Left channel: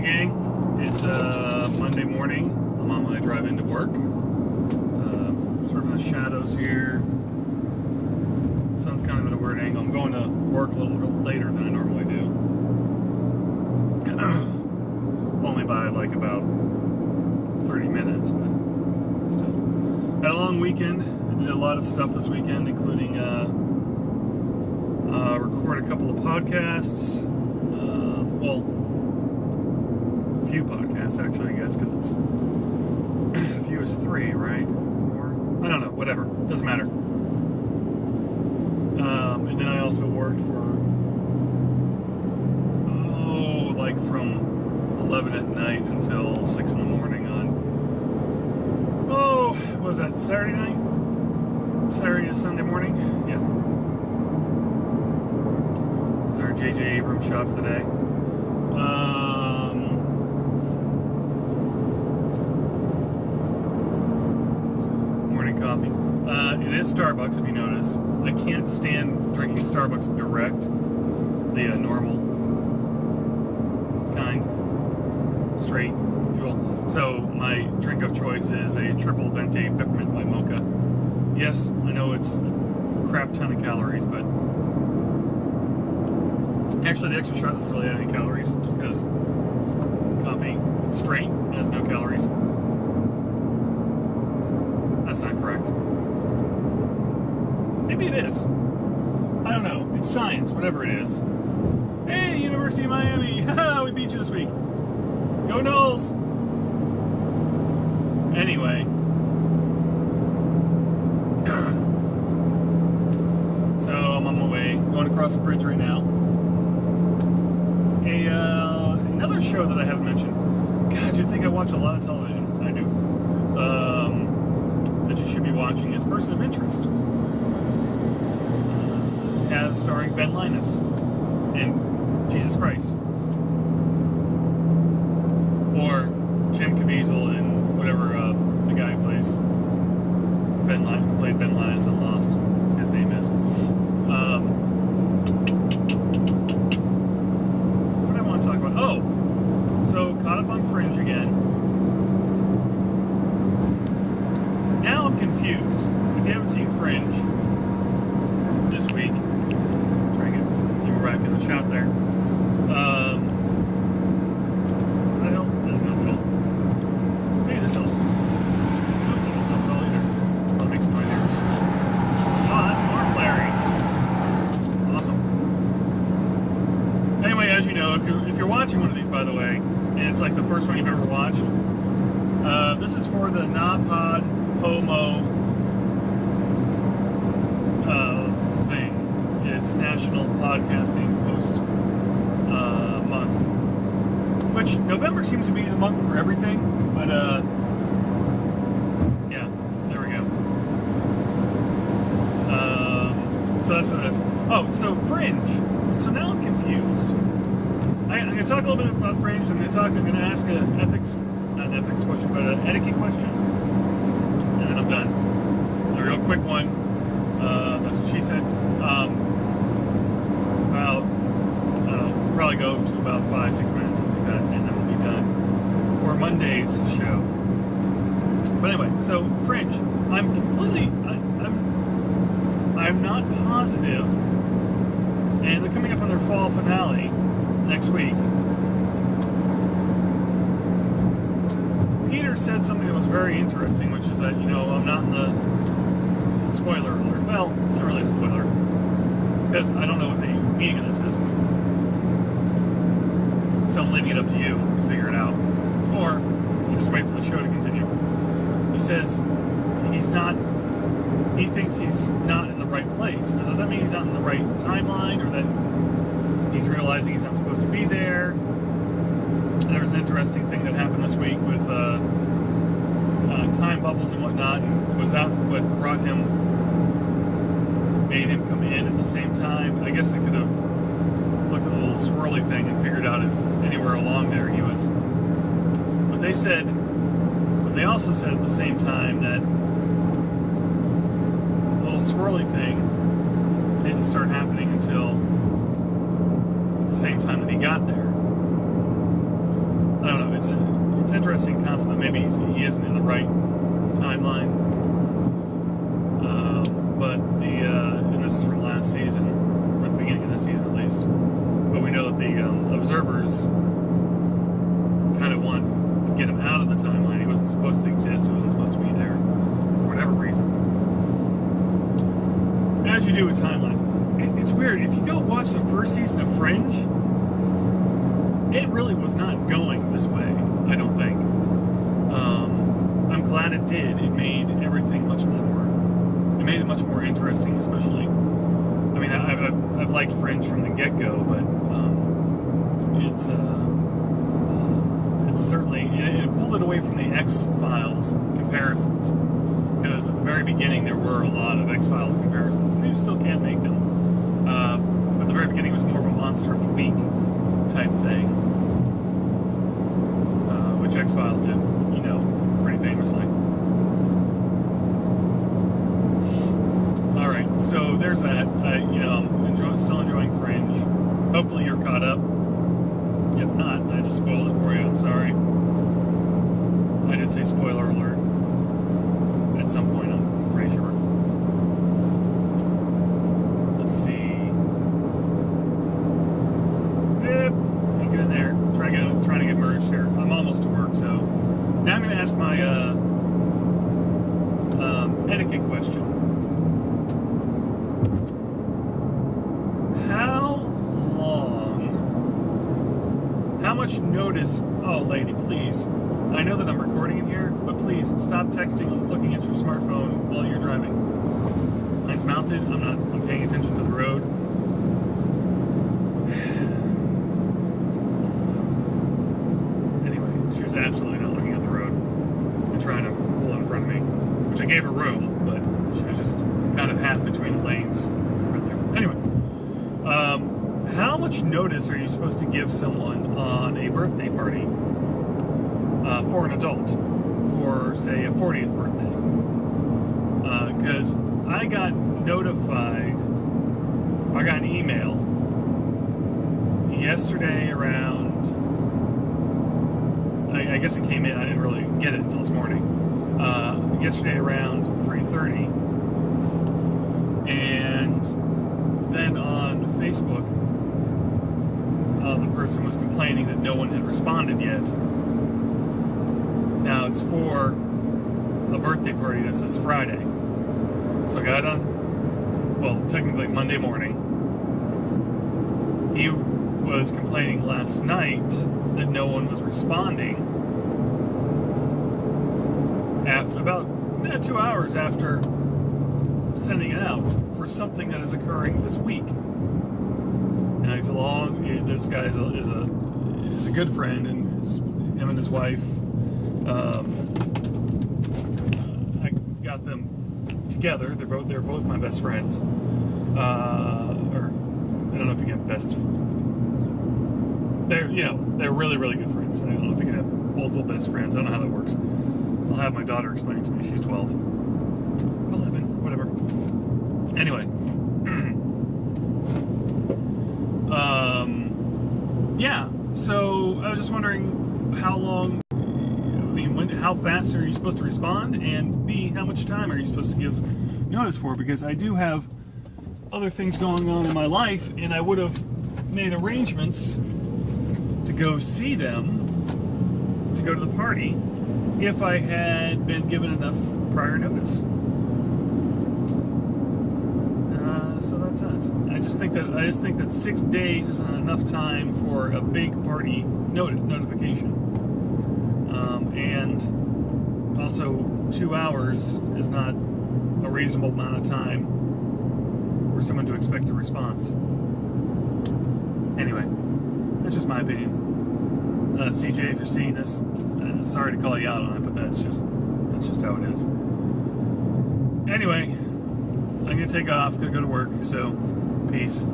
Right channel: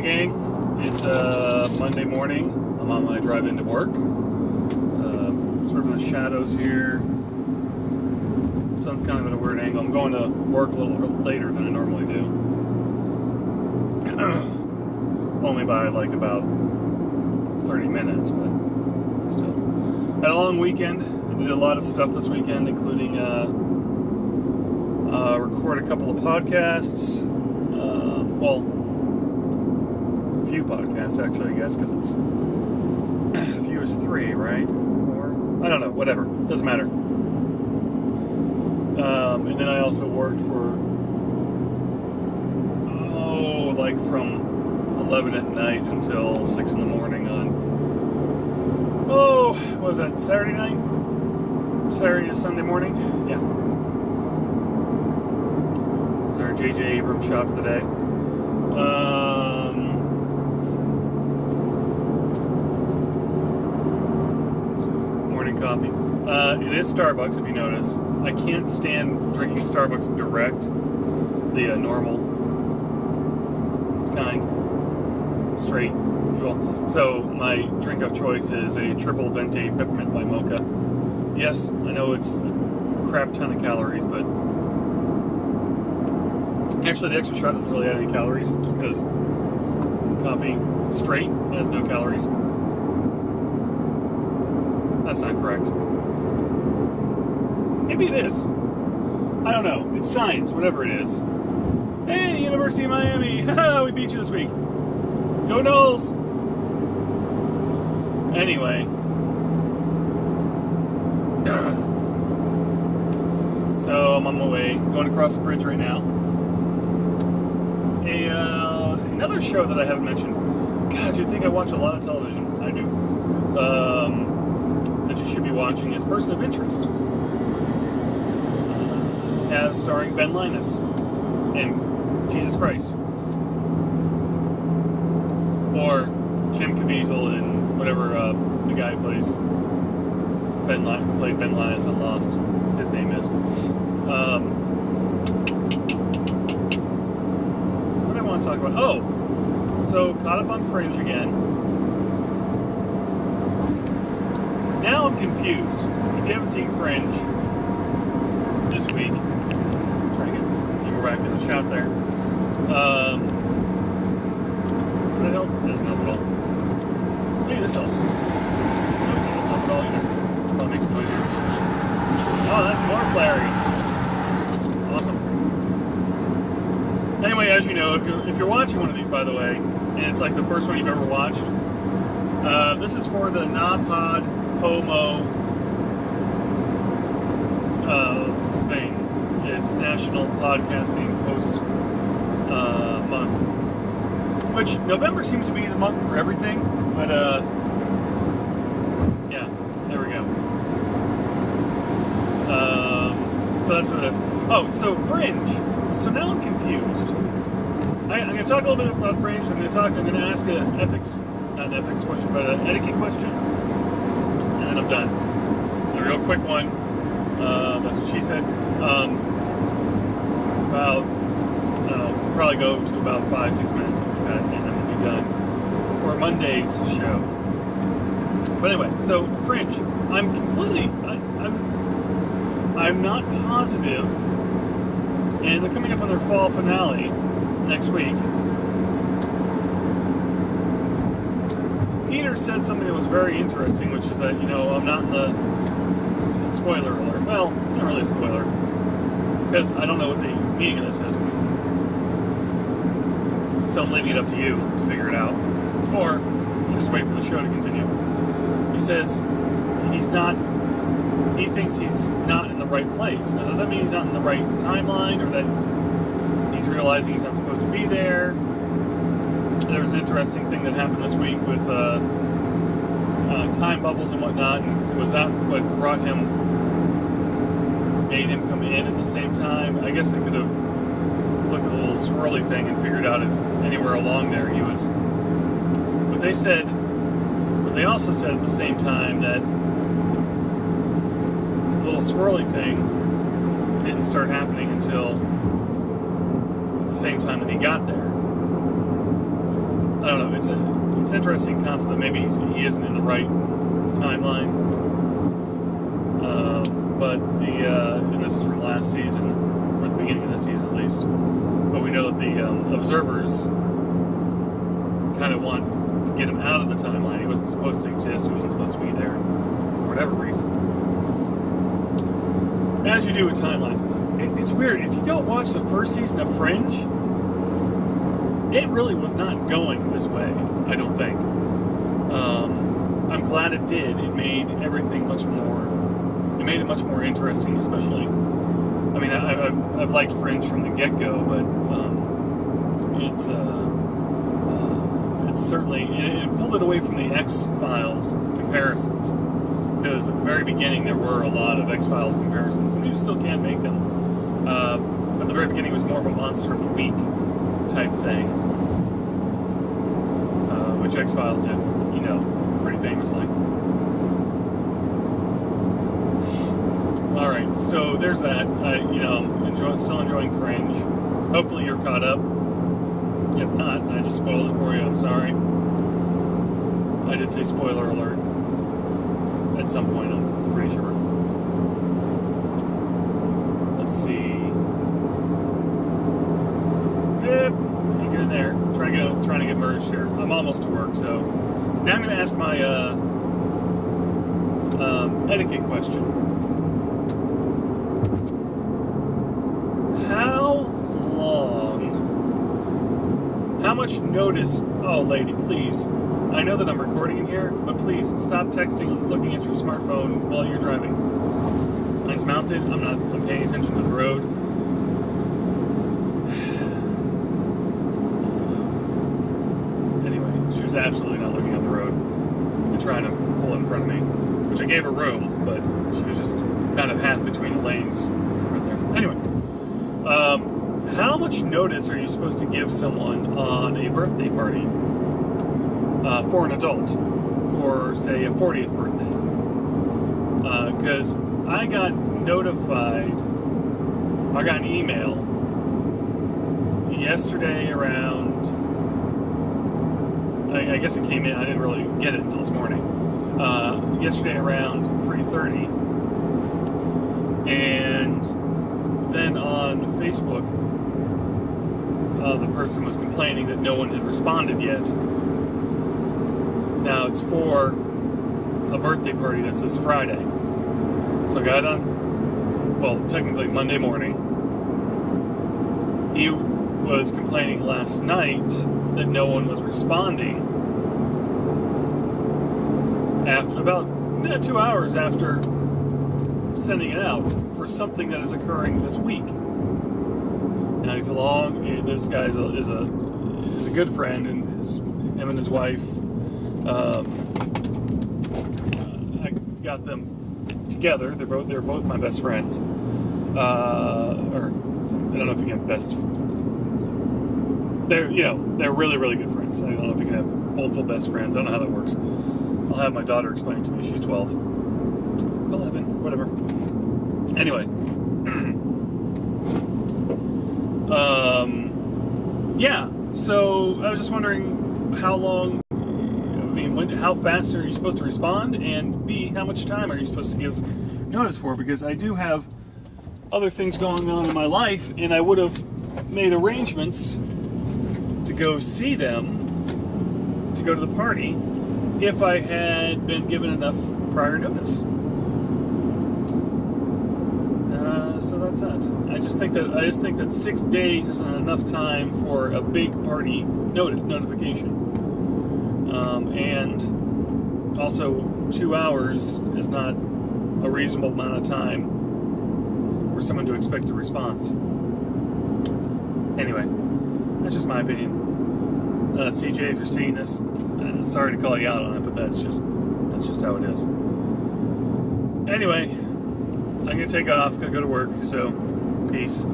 Hey gang, it's Monday morning. I'm on my drive into work. Sort of in the shadows here. The sun's kind of at a weird angle. I'm going to work a little bit later than I normally do. Only by like about 30 minutes, but still. Had a long weekend. I did a lot of stuff this weekend, including record a couple of podcasts. Well, a few podcasts actually, I guess, because it's a few is 3, right? 4? I don't know. Whatever. Doesn't matter. And then I also worked for like from 11 at night until 6 in the morning on what was that, Saturday night? Saturday to Sunday morning? Yeah. This is our J.J. Abrams shot for the day. Morning coffee. It is Starbucks, if you notice. I can't stand drinking Starbucks direct, the normal kind, straight, if you will. So my drink of choice is a triple venti peppermint by Mocha. Yes, I know it's a crap ton of calories, but actually the extra shot doesn't really add any calories because coffee straight has no calories. That's not correct. Maybe it is. I don't know. It's science, whatever it is. Hey, University of Miami! Haha, we beat you this week. Go Knowles! Anyway. So, I'm on my way. Going across the bridge right now. Another show that I haven't mentioned. God, you think I watch a lot of television? I do. That you should be watching is Person of Interest. Starring Ben Linus and Jesus Christ. Or Jim Caviezel and whatever the guy who plays who played Ben Linus on Lost, his name is. What do I want to talk about? Oh! So, caught up on Fringe again. Now I'm confused. If you haven't seen Fringe this week, try to get people back in the shot there. Does that help? It doesn't help at all. Maybe this helps. No, it doesn't help at all either. Oh, it makes noise. Oh, that's more flaring. Awesome. Anyway, as you know, if you're watching one of these, by the way, and it's like the first one you've ever watched, this is for the NaPodPoMo thing. It's National Podcasting Post Month, which November seems to be the month for everything. But yeah, there we go. So that's what it is. Oh, so Fringe. So now I'm confused. I'm going to talk a little bit about Fringe. I'm going to ask not an ethics question, but an etiquette question. And then I'm done. A real quick one. That's what she said. Probably go to about 5-6 minutes, something like that, and then we'll be done for Monday's show. But anyway, so Fringe. I'm not positive, and they're coming up on their fall finale next week. Peter said something that was very interesting, which is that, I'm not in the spoiler alert. Well, it's not really a spoiler, because I don't know what the meaning of this is. So I'm leaving it up to you to figure it out. Or just wait for the show to continue. He says he thinks he's not in the right place. Now, does that mean he's not in the right timeline, or that he's realizing he's not supposed to be there? There was an interesting thing that happened this week with time bubbles and whatnot. And was that what made him come in at the same time? I guess it could have looked at the little swirly thing and figured out if anywhere along there he was. But they also said at the same time that the little swirly thing didn't start happening until at the same time that he got there. I don't know. It's an interesting concept that maybe he isn't in the right timeline. But and this is from last season, or the beginning of the season at least. But we know that the observers kind of want to get him out of the timeline. He wasn't supposed to exist. He wasn't supposed to be there for whatever reason. As you do with timelines. It's weird. If you go watch the first season of Fringe, it really was not going this way, I don't think. I'm glad it did. It made everything much more... It made it much more interesting, especially... I mean, I've liked Fringe from the get-go, but it's certainly... It pulled it away from the X-Files comparisons. Because at the very beginning, there were a lot of X-Files comparisons, and you still can't make them. At the very beginning, it was more of a Monster of the Week type thing. Which X-Files did, you know, pretty famously. Alright, so there's that. I'm still enjoying Fringe. Hopefully you're caught up. If not, I just spoiled it for you. I'm sorry. I did say spoiler alert. At some point, I'm pretty sure. Let's see. Yep, can't get in there. Trying to get merged here. I'm almost to work, so now I'm going to ask my etiquette question. How much notice? Oh, lady, please. I know that I'm recording in here, but please stop texting, looking at your smartphone while you're driving. Mine's mounted. I'm paying attention to the road. Anyway, she was absolutely not looking at the road and trying to pull in front of me, which I gave her room, but she was just kind of half between the lanes right there. Anyway, how much notice are you supposed to give someone on a birthday party for an adult, for, say, a 40th birthday? Because I got an email yesterday around, I guess it came in, I didn't really get it until this morning, yesterday around 3:30, and then on Facebook, the person was complaining that no one had responded yet. Now, it's for a birthday party that's this Friday. So I got on, well, technically Monday morning. He was complaining last night that no one was responding after about 2 hours after sending it out for something that is occurring this week. Now this guy is a good friend, and him and his wife, I got them together. They're both my best friends. Or I don't know if you can have best. They're really, really good friends. I don't know if you can have multiple best friends. I don't know how that works. I'll have my daughter explain it to me. She's 12, 11, whatever. Anyway. Yeah, so I was just wondering how fast are you supposed to respond, and B, how much time are you supposed to give notice for? Because I do have other things going on in my life, and I would have made arrangements to go see them, to go to the party, if I had been given enough prior notice. So that's it. I just think that 6 days isn't enough time for a big party notification. And also 2 hours is not a reasonable amount of time for someone to expect a response. Anyway, that's just my opinion. CJ, if you're seeing this, sorry to call you out on it, but that's just how it is. Anyway, I'm gonna take off, gotta go to work, so peace.